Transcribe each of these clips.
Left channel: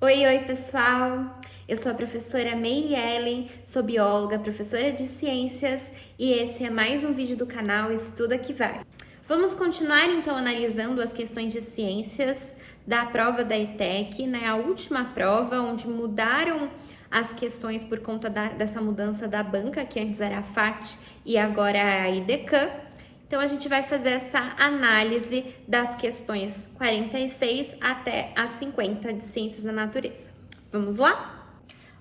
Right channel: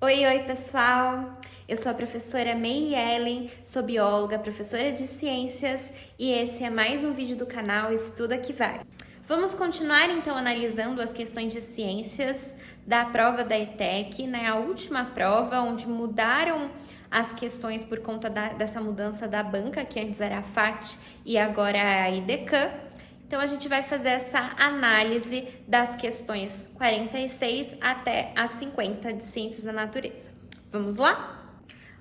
Oi, pessoal! Eu sou a professora Meire Ellen, sou bióloga, professora de ciências e esse é mais um vídeo do canal Estuda que Vai. Vamos continuar então analisando as questões de ciências da prova da ETEC, né? A última prova onde mudaram as questões por conta dessa mudança da banca, que antes era a FAT e agora é a IDECAM. Então, a gente vai fazer essa análise das questões 46 até as 50 de Ciências da Natureza. Vamos lá?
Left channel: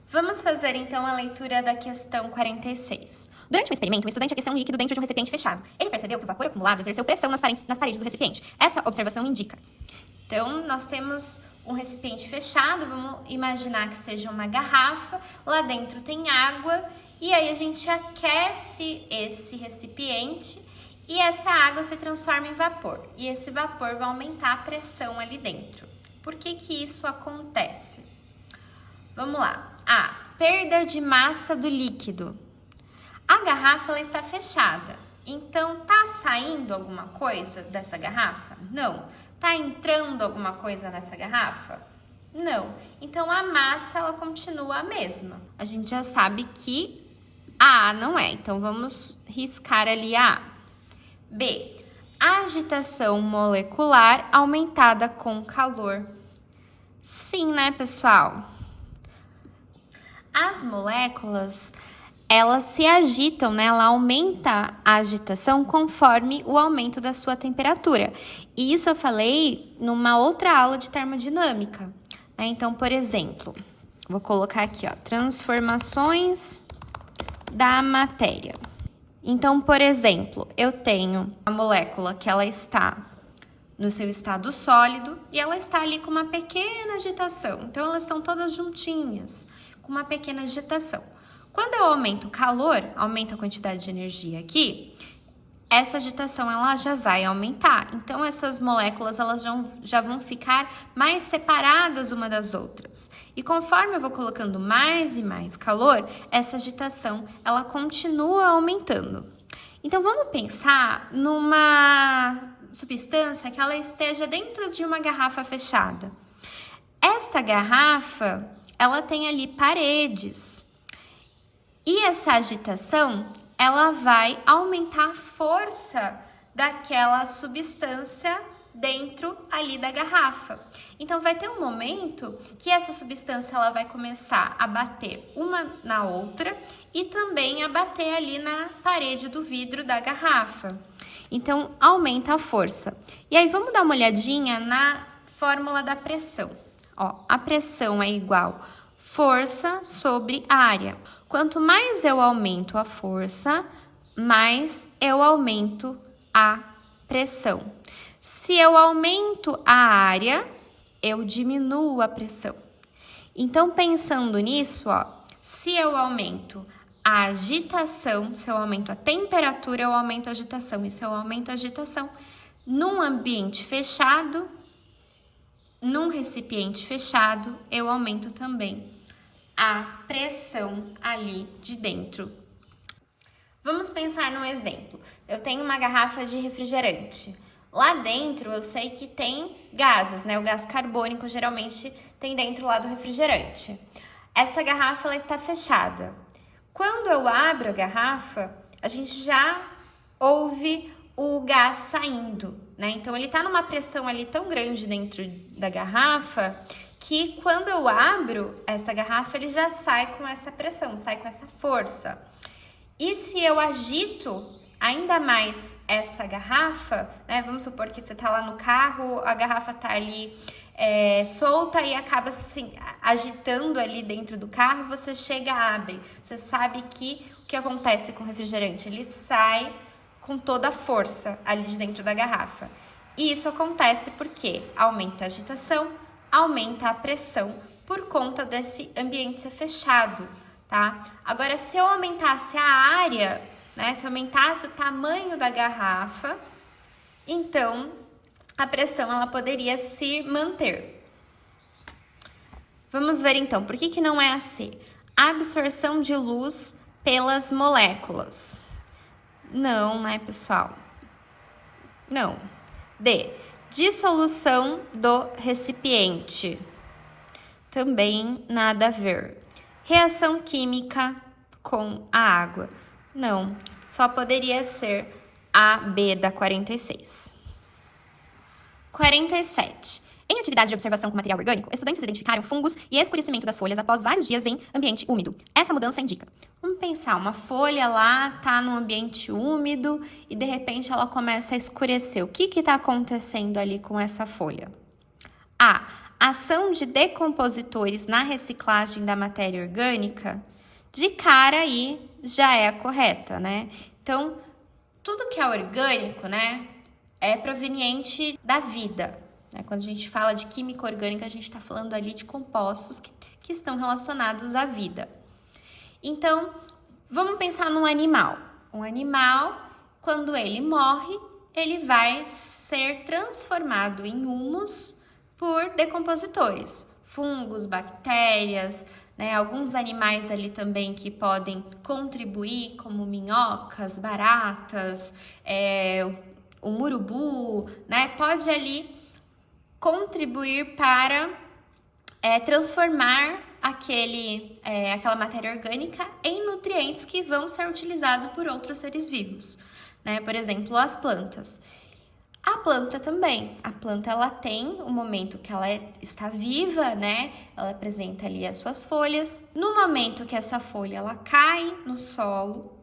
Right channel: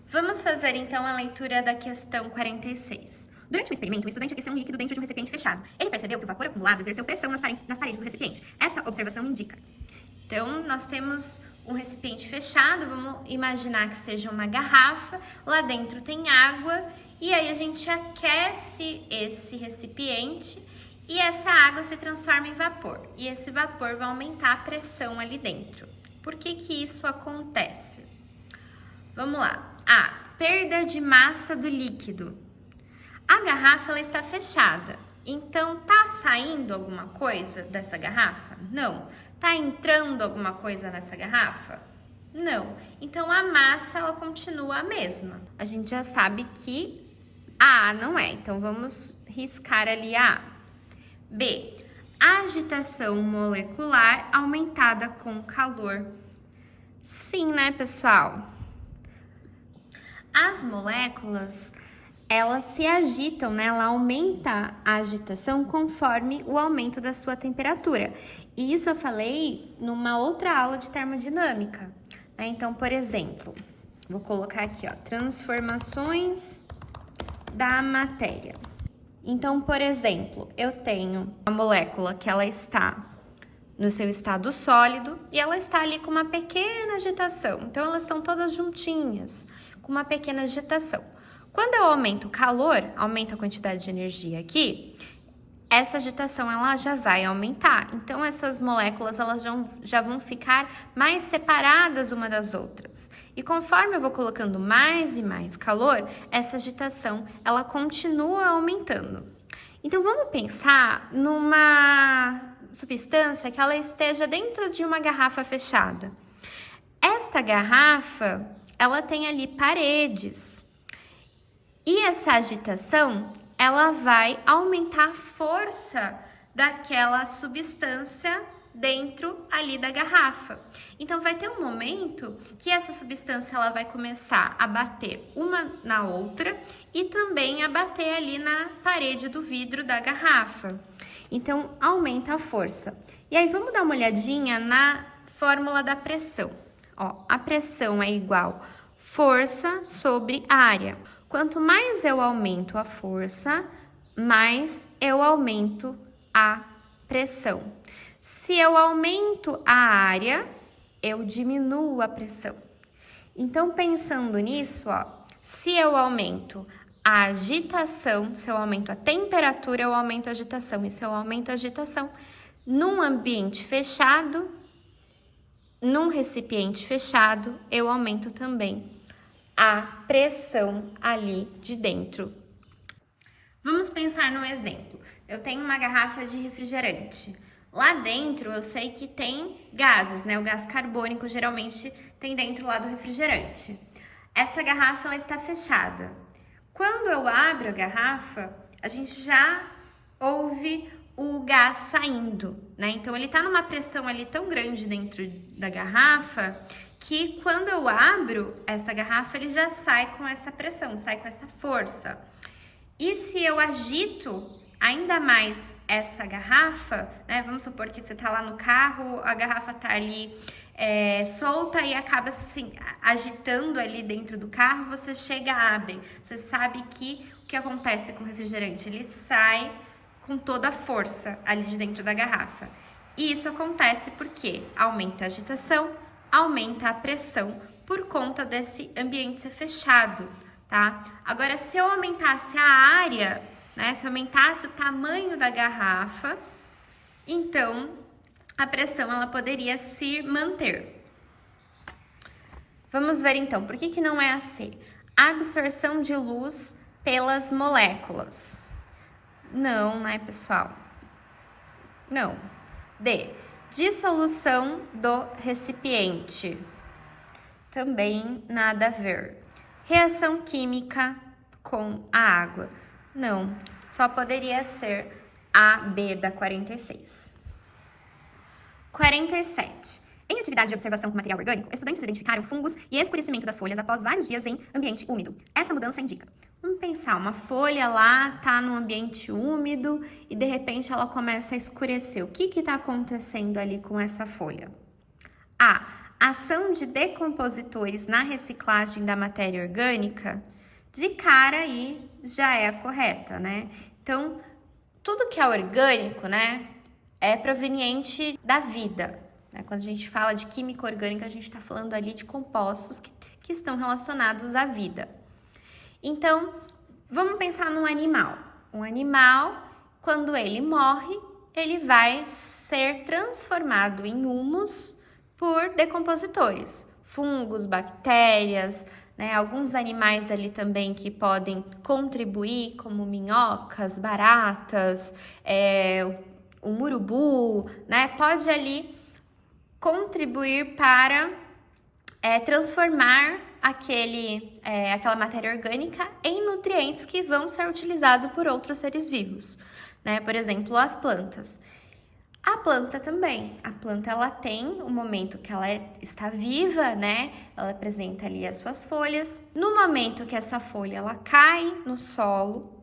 Vamos fazer, então, a leitura da questão 46. Durante o experimento, o estudante aqueceu um líquido dentro de um recipiente fechado. Ele percebeu que o vapor acumulado exerceu pressão nas paredes do recipiente. Essa observação indica. Então, nós temos um recipiente fechado, vamos imaginar que seja uma garrafa, lá dentro tem água, e aí a gente aquece esse recipiente e essa água se transforma em vapor. E esse vapor vai aumentar a pressão ali dentro. Por que que isso acontece? Vamos lá. A perda de massa do líquido. A garrafa ela está fechada. Então, tá saindo alguma coisa dessa garrafa? Não. Tá entrando alguma coisa nessa garrafa? Não. Então, a massa ela continua a mesma. A gente já sabe que a A não é. Então, vamos riscar ali a A. B. Agitação molecular aumentada com calor. Sim, né, pessoal? As moléculas, elas se agitam, né? Ela aumenta a agitação conforme o aumento da sua temperatura. E isso eu falei numa outra aula de termodinâmica, né? Então, por exemplo, vou colocar aqui, ó, transformações da matéria. Então, por exemplo, eu tenho a molécula que ela está no seu estado sólido e ela está ali com uma pequena agitação. Então, elas estão todas juntinhas, com uma pequena agitação. Quando eu aumento o calor, aumento a quantidade de energia aqui, essa agitação ela já vai aumentar. Então, essas moléculas elas já vão ficar mais separadas uma das outras. E conforme eu vou colocando mais e mais calor, essa agitação ela continua aumentando. Então, vamos pensar numa substância que ela esteja dentro de uma garrafa fechada. Esta garrafa, ela tem ali paredes. E essa agitação ela vai aumentar a força daquela substância dentro ali da garrafa. Então, vai ter um momento que essa substância ela vai começar a bater uma na outra e também a bater ali na parede do vidro da garrafa. Então, aumenta a força. E aí, vamos dar uma olhadinha na fórmula da pressão. Ó, a pressão é igual força sobre área. Quanto mais eu aumento a força, mais eu aumento a pressão. Se eu aumento a área, eu diminuo a pressão. Então, pensando nisso, ó, se eu aumento a agitação, se eu aumento a temperatura, eu aumento a agitação. E se eu aumento a agitação, num ambiente fechado, num recipiente fechado, eu aumento também a pressão ali de dentro. Vamos pensar num exemplo. Eu tenho uma garrafa de refrigerante. Lá dentro eu sei que tem gases, né? O gás carbônico geralmente tem dentro lá do refrigerante. Essa garrafa ela está fechada. Quando eu abro a garrafa, a gente já ouve o gás saindo, né? Então ele tá numa pressão ali tão grande dentro da garrafa que quando eu abro essa garrafa, ele já sai com essa pressão, sai com essa força. E se eu agito ainda mais essa garrafa, né? Vamos supor que você tá lá no carro, a garrafa tá ali solta e acaba se agitando ali dentro do carro, você chega, abre. Você sabe que o que acontece com o refrigerante? Ele sai com toda a força ali de dentro da garrafa. E isso acontece porque aumenta a agitação, aumenta a pressão por conta desse ambiente ser fechado, tá? Agora, se eu aumentasse a área, né? Se eu aumentasse o tamanho da garrafa, então a pressão ela poderia se manter. Vamos ver então, por que não é a C? Absorção de luz pelas moléculas. Não, né, pessoal? Não. D. Dissolução do recipiente. Também nada a ver. Reação química com a água. Não, só poderia ser a B da 46. 47. Em atividade de observação com material orgânico, estudantes identificaram fungos e escurecimento das folhas após vários dias em ambiente úmido. Essa mudança indica. Vamos pensar, uma folha lá tá no ambiente úmido e de repente ela começa a escurecer. O que está acontecendo ali com essa folha? A. Ação de decompositores na reciclagem da matéria orgânica. De cara aí já é a correta, né? Então, tudo que é orgânico, né, é proveniente da vida. Quando a gente fala de química orgânica, a gente está falando ali de compostos que estão relacionados à vida. Então, vamos pensar num animal. Um animal, quando ele morre, ele vai ser transformado em humus por decompositores. Fungos, bactérias, né? Alguns animais ali também que podem contribuir, como minhocas, baratas, o murubu, né? Pode ali contribuir para transformar aquela matéria orgânica em nutrientes que vão ser utilizados por outros seres vivos, né? Por exemplo, as plantas. A planta também. A planta, ela tem um momento que ela está viva, né? Ela apresenta ali as suas folhas. No momento que essa folha ela cai no solo,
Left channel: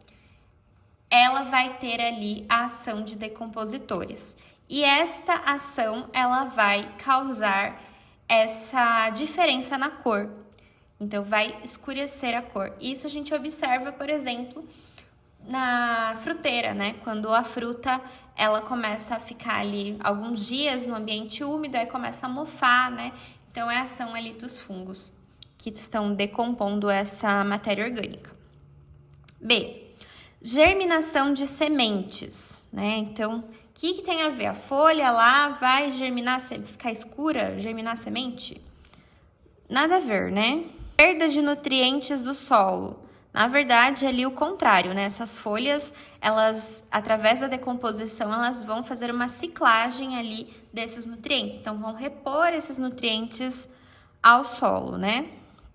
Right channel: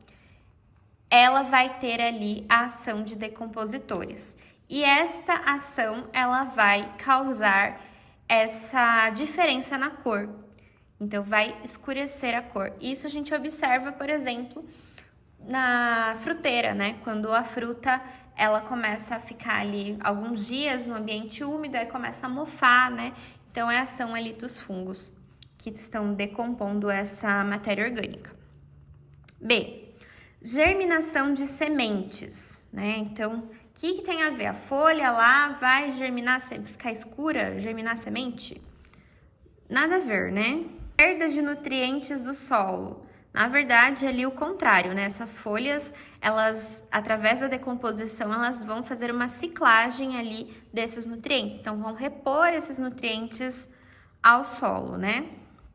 ela vai ter ali a ação de decompositores. E esta ação, ela vai causar essa diferença na cor. Então, vai escurecer a cor. Isso a gente observa, por exemplo, na fruteira, né? Quando a fruta, ela começa a ficar ali alguns dias no ambiente úmido, aí começa a mofar, né? Então, é a ação ali dos fungos que estão decompondo essa matéria orgânica. B. Germinação de sementes, né? Então, o que tem a ver? A folha lá vai germinar, ficar escura, germinar semente? Nada a ver, né? Perda de nutrientes do solo. Na verdade, ali o contrário, né? Essas folhas, elas, através da decomposição, elas vão fazer uma ciclagem ali desses nutrientes. Então, vão repor esses nutrientes ao solo, né?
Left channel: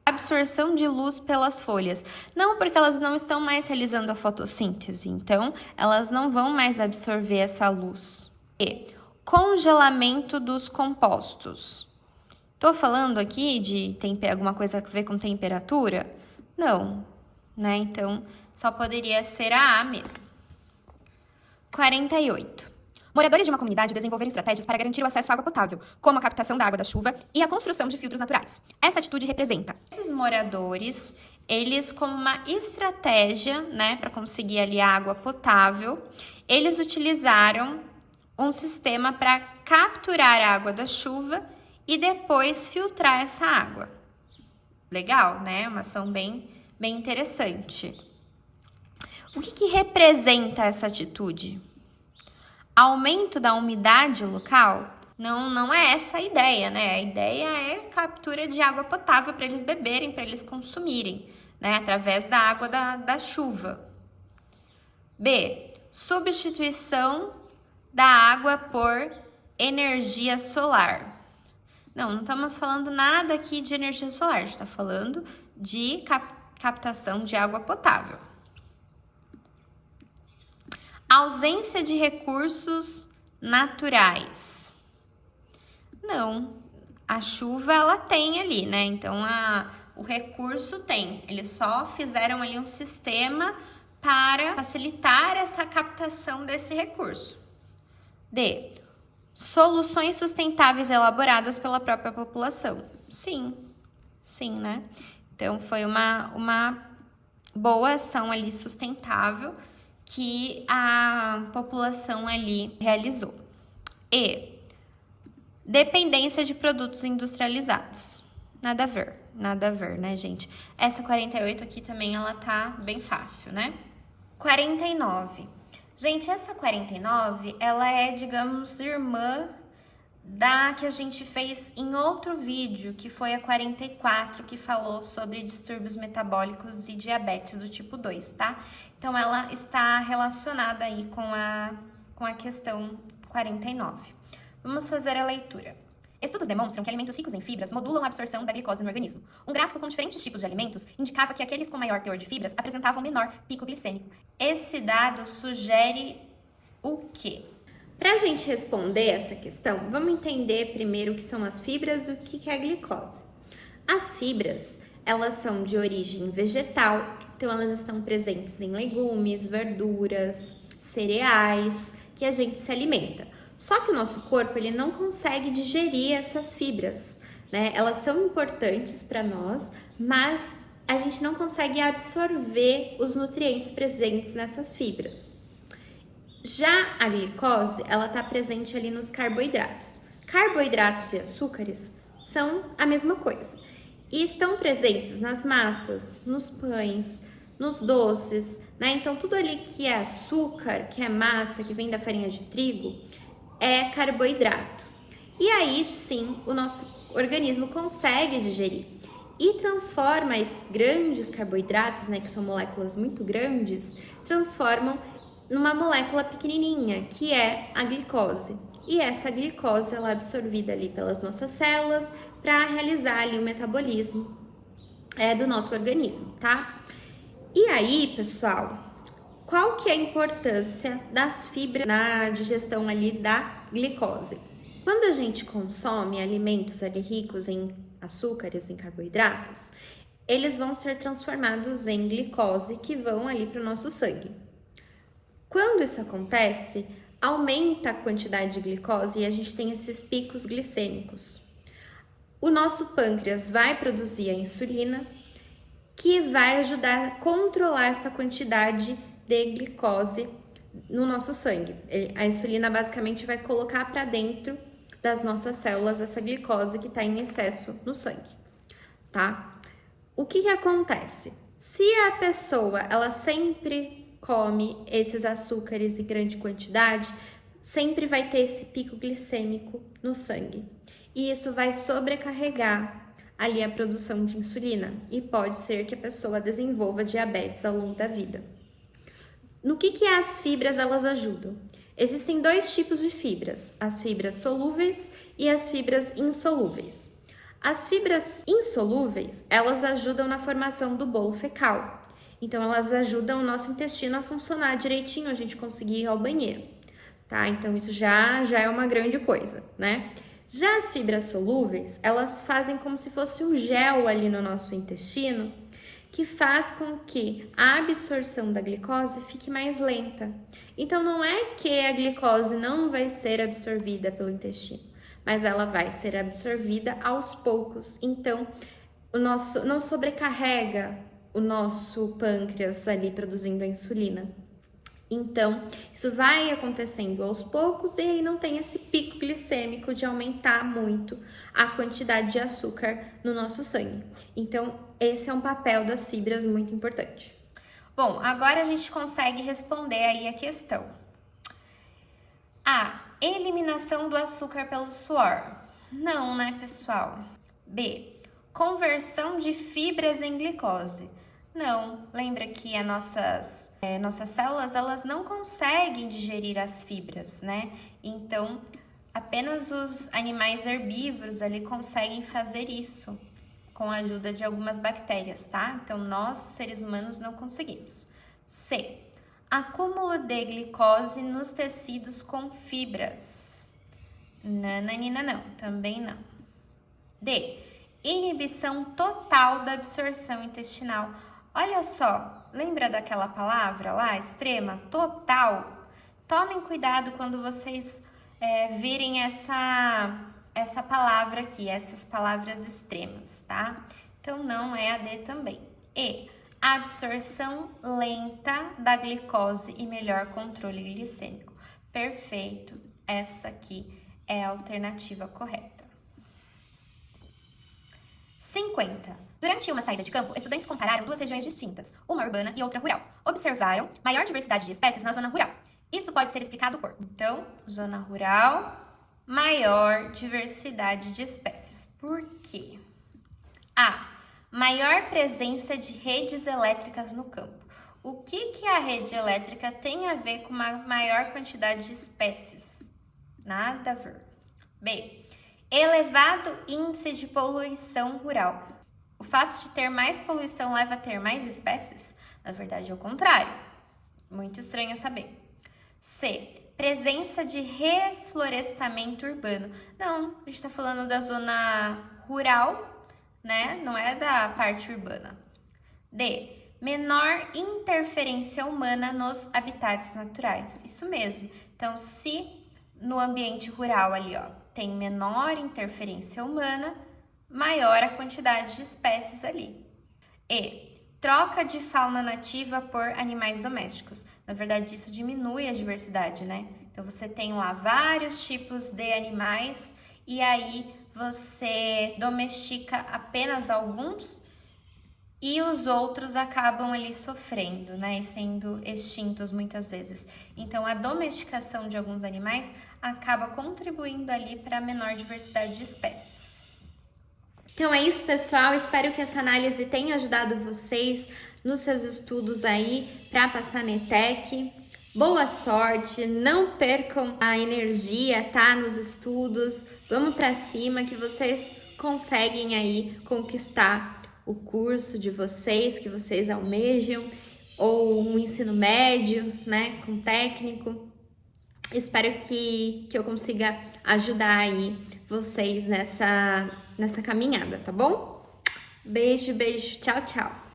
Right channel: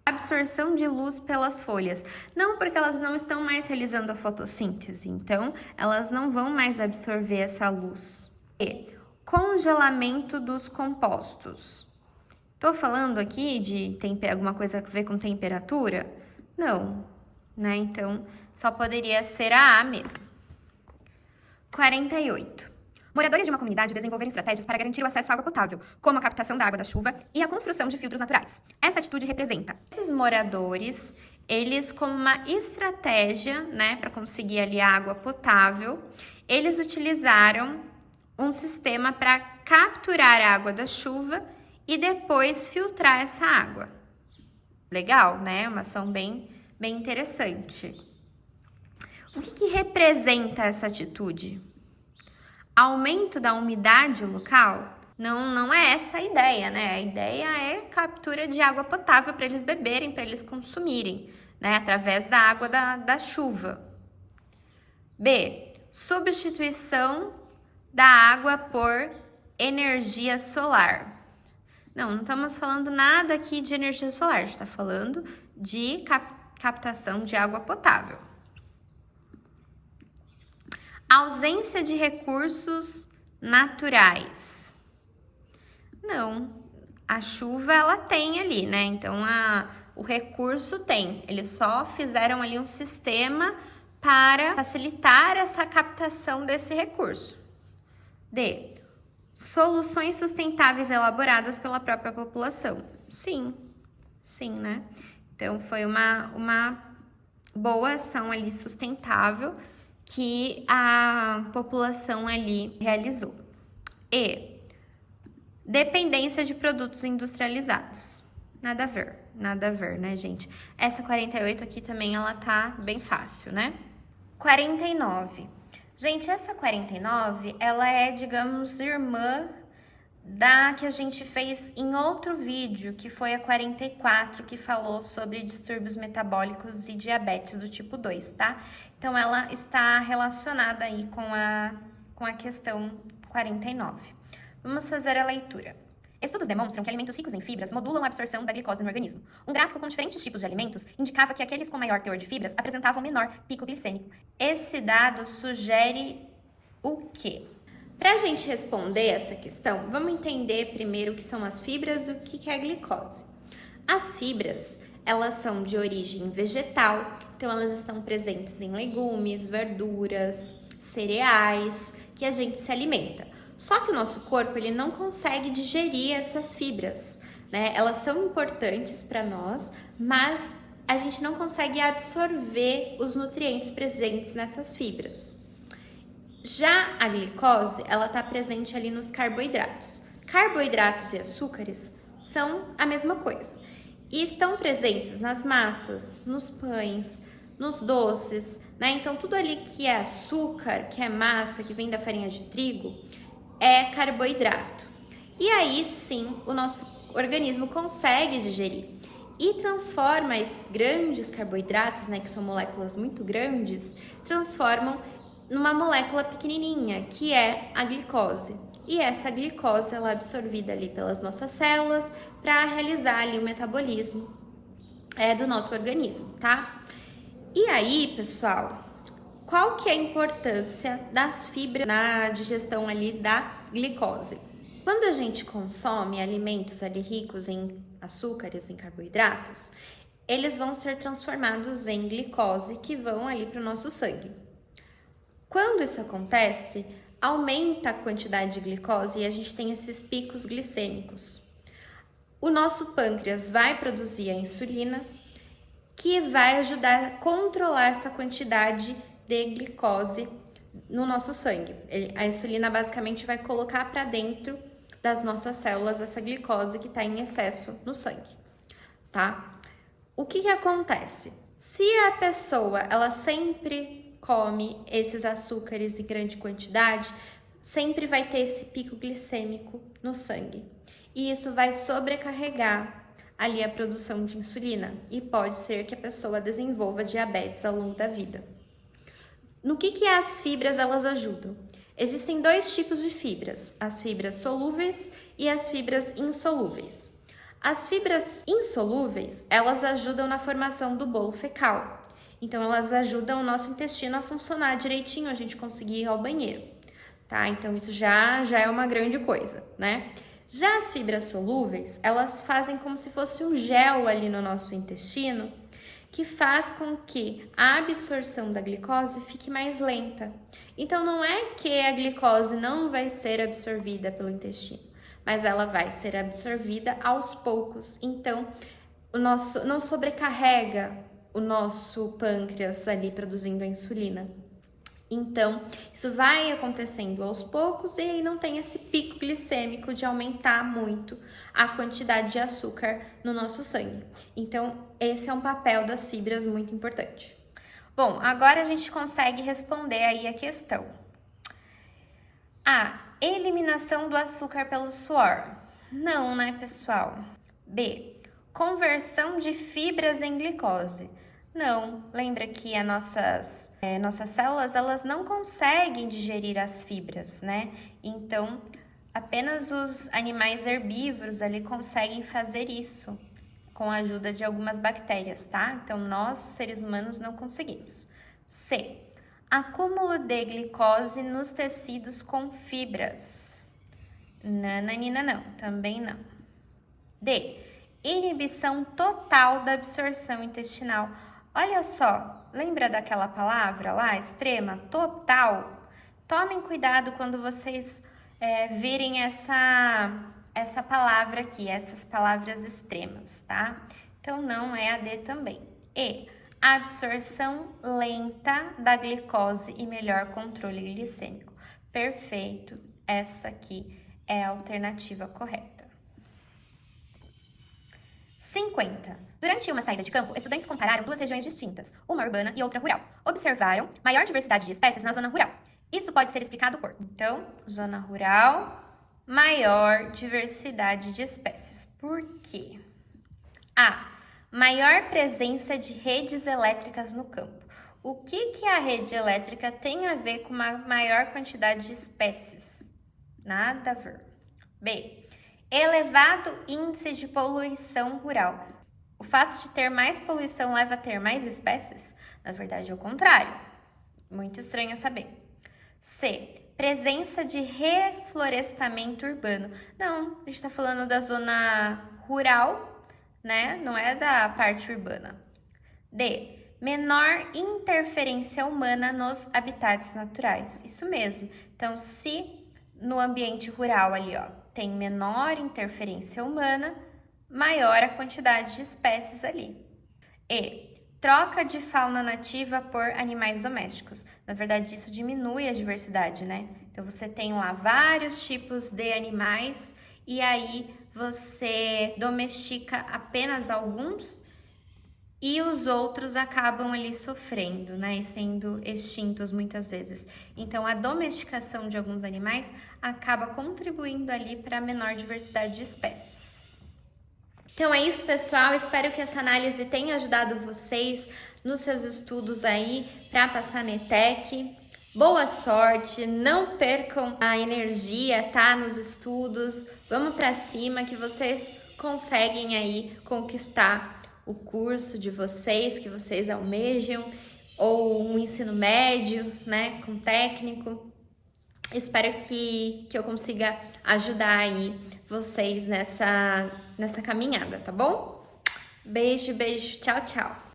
Absorção de luz pelas folhas. Não, porque elas não estão mais realizando a fotossíntese, então elas não vão mais absorver essa luz. E congelamento dos compostos. Tô falando aqui de alguma coisa a ver com temperatura? Não, né? Então só poderia ser a mesmo. 48. Moradores de uma comunidade desenvolveram estratégias para garantir o acesso à água potável, como a captação da água da chuva e a construção de filtros naturais. Essa atitude representa esses moradores, eles como uma estratégia, né, para conseguir ali a água potável, eles utilizaram um sistema para capturar a água da chuva e depois filtrar essa água. Legal, né? Uma ação bem interessante. O que representa essa atitude? Aumento da umidade local? Não é essa a ideia, né? A ideia é captura de água potável para eles beberem, para eles consumirem, né? Através da água da chuva. B. Substituição da água por energia solar. Não estamos falando nada aqui de energia solar, a gente está falando de captação de água potável. Ausência de recursos naturais. Não, a chuva ela tem ali, né? Então, o recurso tem. Eles só fizeram ali um sistema para facilitar essa captação desse recurso. D. Soluções sustentáveis elaboradas pela própria população. Sim, né? Então, foi uma boa ação ali sustentável que a população ali realizou. E dependência de produtos industrializados. Nada a ver, né, gente? Essa 48 aqui também, ela tá bem fácil, né? 49. Gente, essa 49, ela é, digamos, irmã da que a gente fez em outro vídeo, que foi a 44, que falou sobre distúrbios metabólicos e diabetes do tipo 2, tá? Então, ela está relacionada aí com a questão 49. Vamos fazer a leitura. Estudos demonstram que alimentos ricos em fibras modulam a absorção da glicose no organismo. Um gráfico com diferentes tipos de alimentos indicava que aqueles com maior teor de fibras apresentavam menor pico glicêmico. Esse dado sugere o quê? Para a gente responder essa questão, vamos entender primeiro o que são as fibras e o que é a glicose. As fibras, elas são de origem vegetal, então elas estão presentes em legumes, verduras, cereais, que a gente se alimenta. Só que o nosso corpo, ele não consegue digerir essas fibras, né? Elas são importantes para nós, mas a gente não consegue absorver os nutrientes presentes nessas fibras. Já a glicose, ela está presente ali nos carboidratos. Carboidratos e açúcares são a mesma coisa e estão presentes nas massas, nos pães, nos doces, né? Então, tudo ali que é açúcar, que é massa, que vem da farinha de trigo, é carboidrato. E aí, sim, o nosso organismo consegue digerir e transforma esses grandes carboidratos, né, que são moléculas muito grandes, transformam numa molécula pequenininha, que é a glicose. E essa glicose, ela é absorvida ali pelas nossas células para realizar ali o metabolismo do nosso organismo, tá? E aí, pessoal, qual que é a importância das fibras na digestão ali da glicose? Quando a gente consome alimentos ali ricos em açúcares, em carboidratos, eles vão ser transformados em glicose que vão ali para o nosso sangue. Quando isso acontece, aumenta a quantidade de glicose e a gente tem esses picos glicêmicos. O nosso pâncreas vai produzir a insulina, que vai ajudar a controlar essa quantidade de glicose no nosso sangue. A insulina basicamente vai colocar para dentro das nossas células essa glicose que está em excesso no sangue, tá? O que acontece? Se a pessoa, ela sempre come esses açúcares em grande quantidade, sempre vai ter esse pico glicêmico no sangue. E isso vai sobrecarregar ali a produção de insulina e pode ser que a pessoa desenvolva diabetes ao longo da vida. No que as fibras elas ajudam? Existem dois tipos de fibras, as fibras solúveis e as fibras insolúveis. As fibras insolúveis, elas ajudam na formação do bolo fecal. Então, elas ajudam o nosso intestino a funcionar direitinho, a gente conseguir ir ao banheiro, tá? Então, isso já é uma grande coisa, né? Já as fibras solúveis, elas fazem como se fosse um gel ali no nosso intestino, que faz com que a absorção da glicose fique mais lenta. Então, não é que a glicose não vai ser absorvida pelo intestino, mas ela vai ser absorvida aos poucos. Então, não sobrecarrega o nosso pâncreas ali produzindo a insulina. Então, isso vai acontecendo aos poucos e aí não tem esse pico glicêmico de aumentar muito a quantidade de açúcar no nosso sangue. Então, esse é um papel das fibras muito importante. Bom, agora a gente consegue responder aí a questão. A. Eliminação do açúcar pelo suor. Não, né, pessoal? B. Conversão de fibras em glicose. Não, lembra que as nossas células, elas não conseguem digerir as fibras, né? Então, apenas os animais herbívoros ali conseguem fazer isso com a ajuda de algumas bactérias, tá? Então, nós, seres humanos, não conseguimos. C. Acúmulo de glicose nos tecidos com fibras. Nananina, não, também não. D. Inibição total da absorção intestinal. Olha só, lembra daquela palavra lá, extrema, total? Tomem cuidado quando vocês virem essa palavra aqui, essas palavras extremas, tá? Então, não é a D também. E, absorção lenta da glicose e melhor controle glicêmico. Perfeito, essa aqui é a alternativa correta. 50. Durante uma saída de campo, estudantes compararam duas regiões distintas, uma urbana e outra rural. Observaram maior diversidade de espécies na zona rural. Isso pode ser explicado por... Então, zona rural, maior diversidade de espécies. Por quê? A. Maior presença de redes elétricas no campo. O que a rede elétrica tem a ver com uma maior quantidade de espécies? Nada a ver. B. Elevado índice de poluição rural. O fato de ter mais poluição leva a ter mais espécies? Na verdade, é o contrário. Muito estranho saber. C. Presença de reflorestamento urbano. Não, a gente está falando da zona rural, né? Não é da parte urbana. D. Menor interferência humana nos habitats naturais. Isso mesmo. Então, se no ambiente rural ali, ó, tem menor interferência humana, maior a quantidade de espécies ali. E. Troca de fauna nativa por animais domésticos. Na verdade, isso diminui a diversidade, né? Então, você tem lá vários tipos de animais e aí você domestica apenas alguns e os outros acabam ali sofrendo, né? E sendo extintos muitas vezes. Então, a domesticação de alguns animais acaba contribuindo ali para a menor diversidade de espécies. Então é isso, pessoal. Espero que essa análise tenha ajudado vocês nos seus estudos aí para passar na ETEC. Boa sorte, não percam a energia, tá? Nos estudos. Vamos para cima que vocês conseguem aí conquistar o curso de vocês, que vocês almejam, ou um ensino médio, né, com técnico. Espero que eu consiga ajudar aí vocês nessa caminhada, tá bom? Beijo, beijo, tchau, tchau!